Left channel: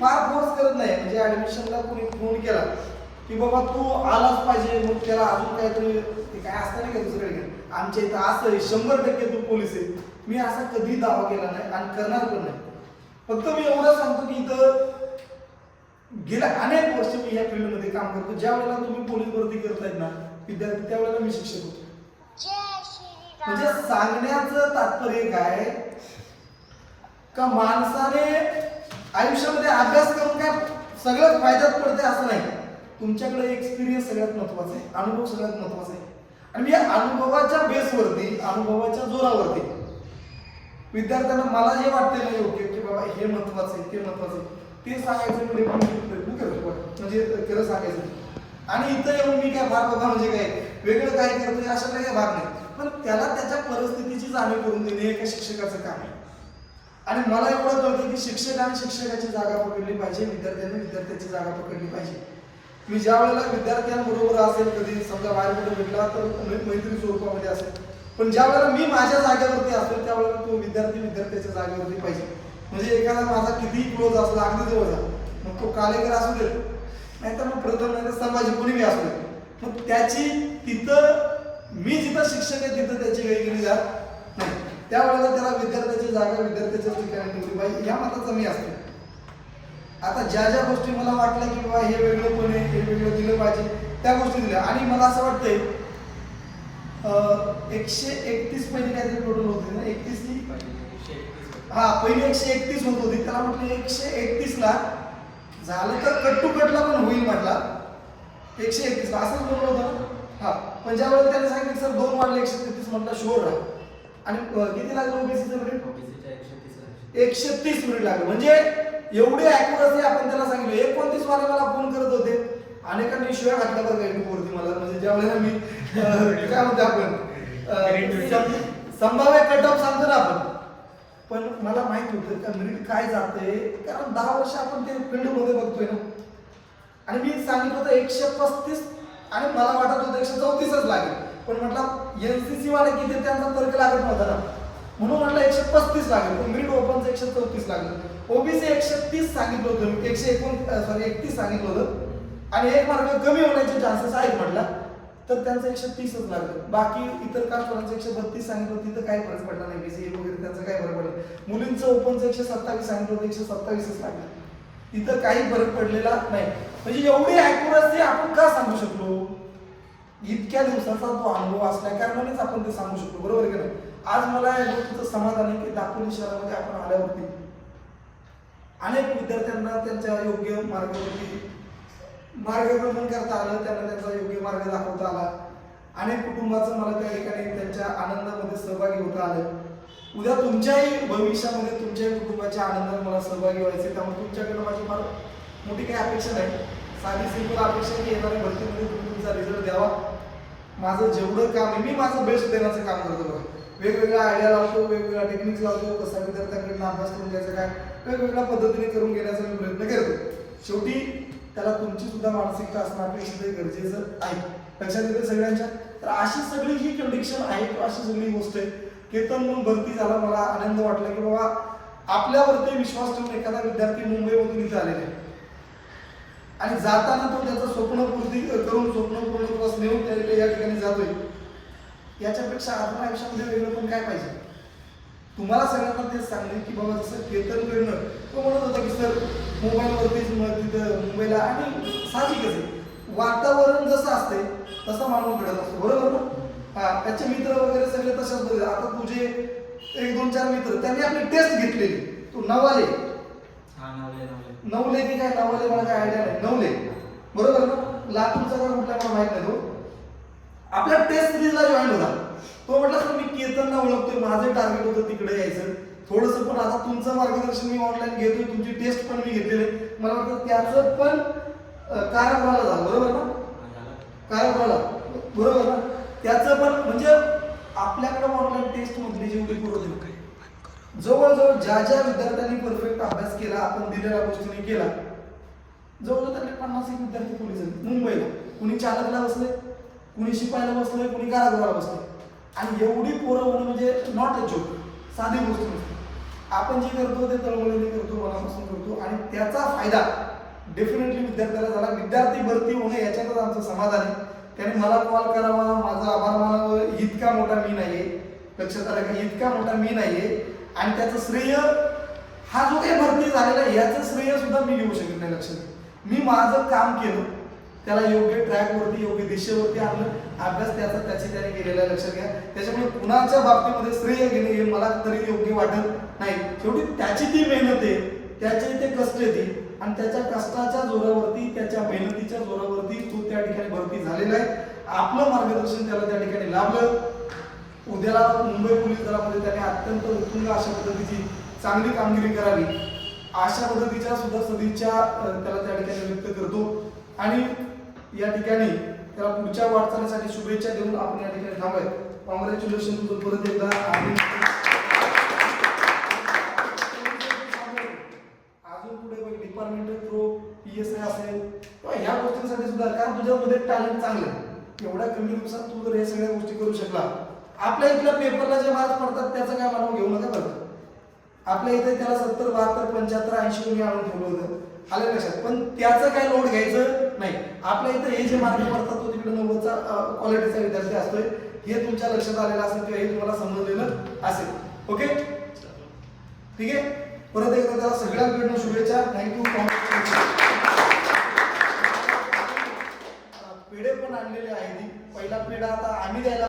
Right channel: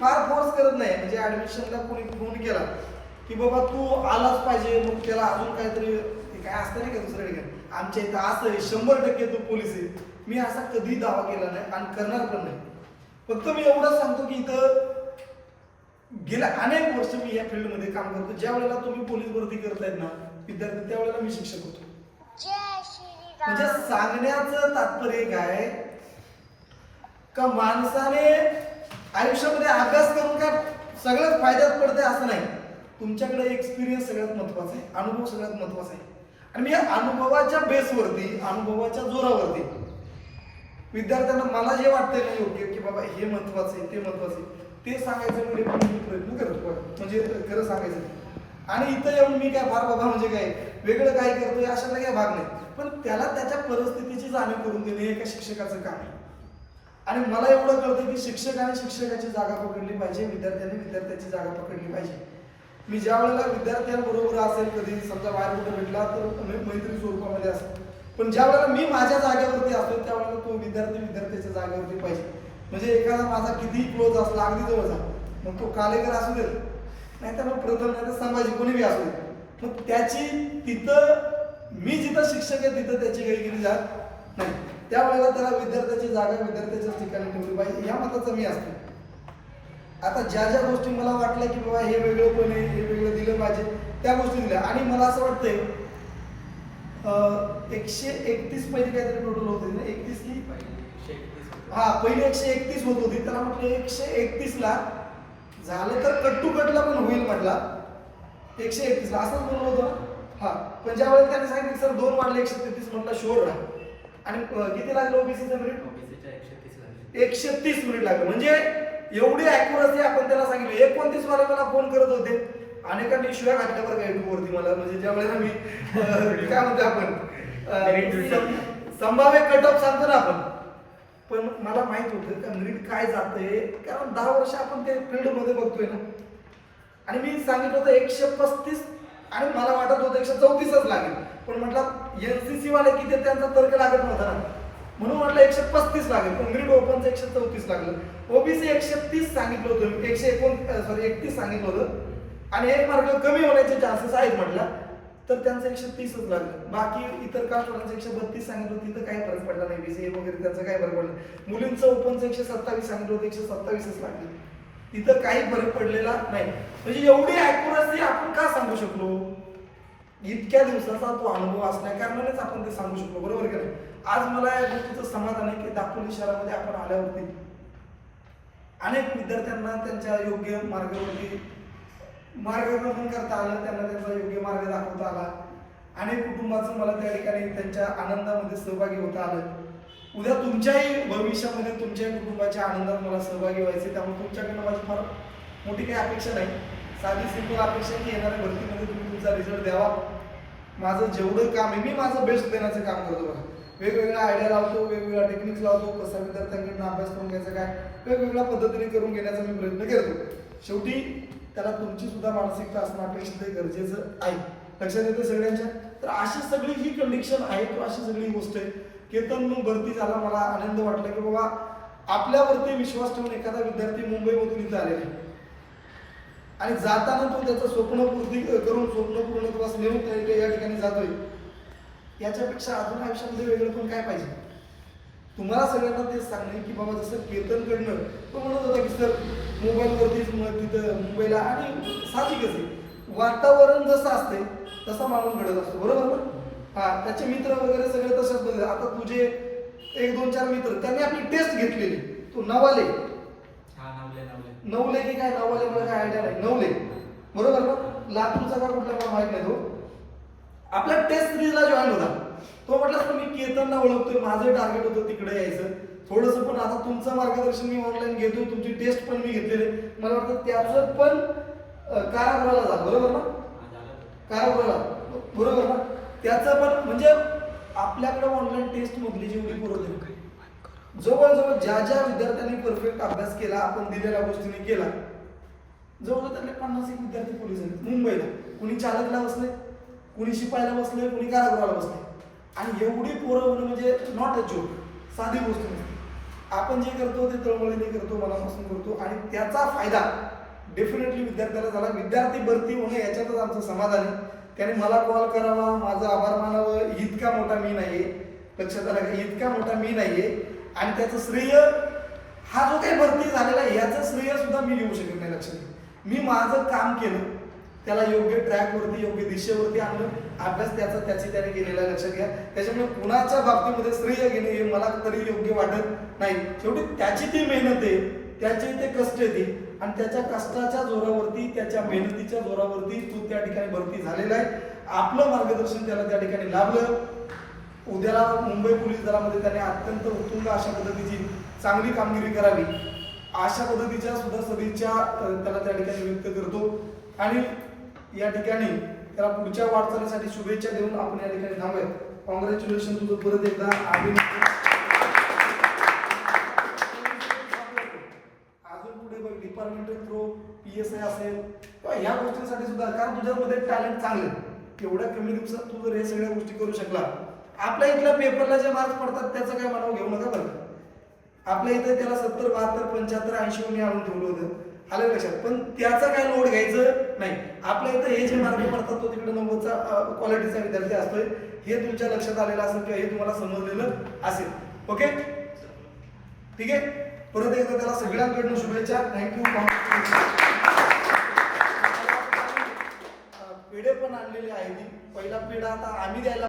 फार फोर्स करत नाही. म्हणजे ऍडमिशनला कोणी फोन केला की बाबा तू आलाच पाहिजे मग त्याला अजून काहीतरी काय असतं नाही का दुसऱ्या ठिकाणी? आमच्या इथं असं शंभर टक्के तू पोलीस आहे. मी असा कधी दावा केला नाही आणि करणार पण नाही. फक्त मी एवढं सांगतो की इथं गेल्या अनेक वर्ष मी या फील्डमध्ये काम करतो. ज्या वेळेला तुम्ही पोलीस भरती करतायत ना विद्यार्थी त्यावेळेला मी शिक्षक होतो. म्हणजे सांगण्याचं तात्पर्य काय का माणसाने आयुष्यामध्ये अभ्यास करून काय सगळ्यात फायद्यात पडते असं नाही. तुमच्याकडे एक्सपिरियन्स सगळ्यात महत्त्वाचा आहे. अनुभव सगळ्यात महत्त्वाचा आहे. आणि मी या अनुभवाच्या बेसवरती अनुभवाच्या जोरावरती विद्यार्थ्यांना मला हे वाटते ना योग्य की बाबा हे महत्वाचं आहे ते महत्वाचं आहे. ते सांगायचं म्हणजे मी प्रयत्न करतो म्हणजे खरं सांगायचं आणि इथं येऊन मी काय भाग बाबा म्हणजे काय वेगळं काय करतोय अशा काही भाग नाही. पण त्याला त्याच्या परिस्थितीची जाणीव करून देणे हे एका शिक्षकाचं काम आहे. आणि मला एवढं कळतं की शिक्षकाने शिक्षकाची जागा पकडली पाहिजे विद्यार्थ्यांनी विद्यार्थ्याची जागा पकडली पाहिजे. मी ज्या वेळेला विद्यार्थ्यांबरोबर असेल कधी समजा बाहेर कुठे भेटला तर मैत्री स्वरूपामध्ये असेल. पण ज्या वेळेला मी माझ्या जागेवरती असतो त्यावेळेला तो विद्यार्थी विद्यार्थ्याच्या जागेवरती पाहिजे. म्हणजे एखादा माझा किती क्लोज असला अगदी जवळचा मग तो कालेकर असू देत नाहीतर मग प्रथम नाही तर संभाजी कोणी मी असू देत मग त्याची तिथं मी जिथं शिक्षक आहे तिथं त्याची वेगळी जात नाही. त्यावेळेला त्याला विद्यार्थ्याची जागा विद्यार्थ्याच्या ठिकाणी ठेवली पाहिजे या मताचा मी असतो. आता ज्या ज्या गोष्टी मला वाटल्या की बाबा हे वेगळं पण आहे हे वेगळं दिलं पाहिजे त्या गोष्टी दिल्या. आणि मला असं वाटतंय एकशे एकतीस पहिले काहीतरी टोटल होते ना? एकतीस की हा पहिले एकशे एकतीस होत होती. त्याला म्हटलं एकशे एकतीस ला झालं तर कट टू कटला पण होईल म्हटला. एकशे एकतीस ला. असंच बोललो होतं हा. पण ज्या वेळेला त्याने सांगितलं सर दोन वाढले एकशे तेहतीस म्हटलं शोर राहा. आणि किती लागलं ओबीसीचं मिनिट एकशे तीस मिनिट लागलं. म्हणजे एवढी अॅक्युरसी आपण त्याला सांगितलं. एकोणतीस वाले मला फोन करत होते. अनेकांनी शिवाय घातल्या बरं का वरती मला. म्हणजे ज्या वेळेला मी काय म्हणतो आपण? संभाव्य कट ऑफ सांगतो ना आपण. पण मला माहीत होतं का मिनिट काय जातंय? कारण दहा वर्ष आपण ते फील्डमध्ये बघतोय ना. आणि मी सांगितलं होतं एकशे पस्तीस आणि मला वाटत होतं एकशे चौतीसच लागेल. पण म्हटलं एनसीसी वाले किती त्यांचा तर्क लागत नव्हता. म्हणून म्हटलं एकशे पस्तीस लागेल. पण ओपनचं एकशे चौतीस लागलं. ओबीसी एकशे तीस सांगितलं होतं. एकशे एकोण सॉरी एकतीस सांगितलं होतं. आणि एक मार्क कमी होण्याचे चान्सेस आहेत म्हटलं. तर त्यांचं एकशे तीसच लागलं. बाकी इतर कास्टवाल्यांचं एकशे बत्तीस सांगितलं होतं. तिथं काही फरक पडला नाही. बीसी वगैरे त्यांचं काही फरक पडलं मुलींचं ओपनचं एकशे सत्तावीस सांगितलं होतं. एकशे सत्तावीसच लागलं. तिथं काही फरक पडलेला नाही. म्हणजे एवढी अॅक्युरसी आपण का सांगू शकलो? इतक्या दिवसाचा तो अनुभव असल्या कारणानेच आपण ते सांगू शकतो. बरोबर की नाही? आज मला या गोष्टीचं समाधान आहे की दापोली शहरामध्ये आपण आल्यावरती अनेक विद्यार्थ्यांना त्यांच्या योग्य मार्गावरती मार्गक्रमण करता आलं त्यांना त्यांचा योग्य मार्ग दाखवता आला. अनेक कुटुंबाचं मला त्या ठिकाणी त्यांच्या आनंदामध्ये सहभागी होता आलं. उद्या तुमच्याही भविष्यामध्ये तुमच्याही कुटुंबाच्या आनंदात मला सहभागी व्हायचे त्यामुळे तुमच्याकडनं माझी फार मोठी काही अपेक्षा नाही. साधी सिंपल अपेक्षा की येणाऱ्या भरतीमध्ये तुम्ही तुमचा रिझल्ट द्यावा. माझं जेवढं काम आहे मी माझं बेस्ट देण्याचं काम करतो वेगवेगळ्या आयडिया लावतो वेगवेगळ्या टेक्निक्स लावतो कसा विद्यार्थ्यांकडून अभ्यास करून घ्यायचा काय वेगवेगळ्या पद्धतीने करून घेण्याचा मी प्रयत्न करतो. शेवटी त्याला तुमची सुद्धा मानसिकता असणं अपेक्षित गरजेचं आहे. लक्षात येते सगळ्यांच्या? तर अशी सगळी ही कंडिशन आहे किंवा अशी सगळी गोष्ट आहे केतन म्हणून भरती झाला मला आनंद वाटला की बाबा आपल्यावरती विश्वास ठेवून एखादा विद्यार्थी मुंबईमधून इथं आलेला आहे. आणि जाताना तो त्याचं स्वप्न पूर्ती करून स्वप्न किंवा नेऊन त्या- या ठिकाणी जातोय. याच्यापेक्षा आपण आयुष्यामध्ये वेगळं पण काय पाहिजे? तुम्हाला सगळ्यांना तेच सांगणे की बाबा जसं केतन करणं तो म्हणत होता की सर मोबाईलवरतीच मग तिथं मुंबईला आणि साहजिकच आहे. वातावरण जसं असते तसा माणूस घडत असतो. बरोबर ना? हा त्याचे मित्र वगैरे सगळे तसेच बघत आता तुझे एक दोन चार मित्र त्यांनी आपली टेस्ट घेतलेली. तू नवाले. नवले की काय? नवले मला काय आयडिया नाही. नवले. बरोबर ना? लातूरचा का कुठला मला माहीत नाही तो. आपल्या टेस्ट सिरीजला जॉईन होता तो म्हटला की मी केतनला ओळखतोय. माझं टार्गेट होतं तिकडे यायचं. थोडंसं पण आता तुमचं मार्गदर्शन मी ऑनलाईन घेतोय. तुमची टेस्ट पण मी घेतलेले मला वाटतं त्याचं पण अं, कारागृहाला झालं. बरोबर ना? कारागृहाला. बरोबर ना? त्याचं पण म्हणजे आपल्याकडे ऑनलाईन टेस्ट मधली जेवढी पुरवली जवळजवळ ज्या ज्या विद्यार्थ्यांनी परफेक्ट अभ्यास केला आपण दिलेल्या गोष्टीने केला. जवळ त्यांना पन्नास एक विद्यार्थी पोलीस झाले मुंबईला कुणी चालकला बसले कुणी शिपायला बसले कुणी कारागृहाला बसले. आणि एवढी पोरं होणं म्हणजे नॉट अ जोक साधी गोष्ट नसते. आपण जे करतो ते तळमळीने करतो मनापासून करतो. आणि त्याचा फायदा डेफिनेटली विद्यार्थ्याला झाला. विद्यार्थी भरती होणे याच्यातच आमचं समाधान आहे. त्याने मला कॉल करावा माझं आभार मानावं इतका मोठा मी नाहीये. लक्षात आला इतका मोठा मी नाहीये. आणि त्याचं श्रेय हा जो काही भरती झालेला आहे याचं श्रेय सुद्धा मी घेऊ शकत नाही लक्षात मी माझं काम केलं त्याला योग्य ट्रॅकवरती योग्य दिशेवरती आणलं अभ्यास त्याचा त्याची त्याने केलेला आहे लक्षात घ्या त्याच्यामुळे कुणाच्या बाबतीमध्ये श्रेय घेणे हे मला तरी योग्य वाटत नाही. शेवटी त्याची ती मेहनत आहे त्याचे ते कष्ट येते आणि त्याच्या कष्टाच्या जोरावरती त्याच्या मेहनतीच्या जोरावरती तो त्या ठिकाणी भरती झालेला आहे. आपलं मार्गदर्शन त्याला त्या ठिकाणी लाभलं. उद्याला मुंबई पोलीस दलामध्ये त्याने अत्यंत उत्तुंग अशा पद्धतीची चांगली कामगिरी करावी. अशा पद्धतीच्या सुद्धा सदिच्छा त्याला त्या ठिकाणी व्यक्त करतो. आणि या ठिकाणी त्याला पुढच्या वाटचालीसाठी शुभेच्छा देऊन आपण या ठिकाणी थांबत कॉंग्रॅच्युलेशन तुझं परत एकदा. आणि अजून पुढे बघ departmental through P S I असेल. ह्या गोष्टींसाठी सुद्धा कारण तुझ्यामध्ये टॅलेंट चांगलं एवढ्या कमी दिवसात तू जर हे सगळ्या गोष्टी करू शकला आपल्या इथल्या पेपरला जे मार्क्स पडतात त्याचं काय मला घेऊ नका बरं आपल्या इथे त्याला सत्तर बहात्तर पंच्याहत्तर ऐंशी मी आणून ठेवलं होतं. आलं लक्षात? पण त्याचं काय लोड घ्यायचं नाही. आपल्या इथे हे जे मार्क पडतात तो तिकडे नव्वदचा क्वालिटीचा विद्यार्थी असतोय. हे तुमच्या लक्षात आलेलं असेल किंवा हे तुम्हाला समजलेलं असेल. ओके? ठीक आहे? परत एकदा त्याला सगळ्यांकडनं शुभेच्छा. थँक्यू पेढे पण आणलेले आहेत. पहिला पेढा आता आम्ही द्यायला